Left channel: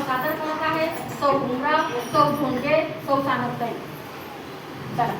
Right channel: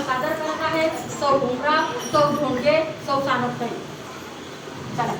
कार्यक्रम सादर करत आहेत. सौ भुमरा सौ भोंगे सौ सानपताई चला.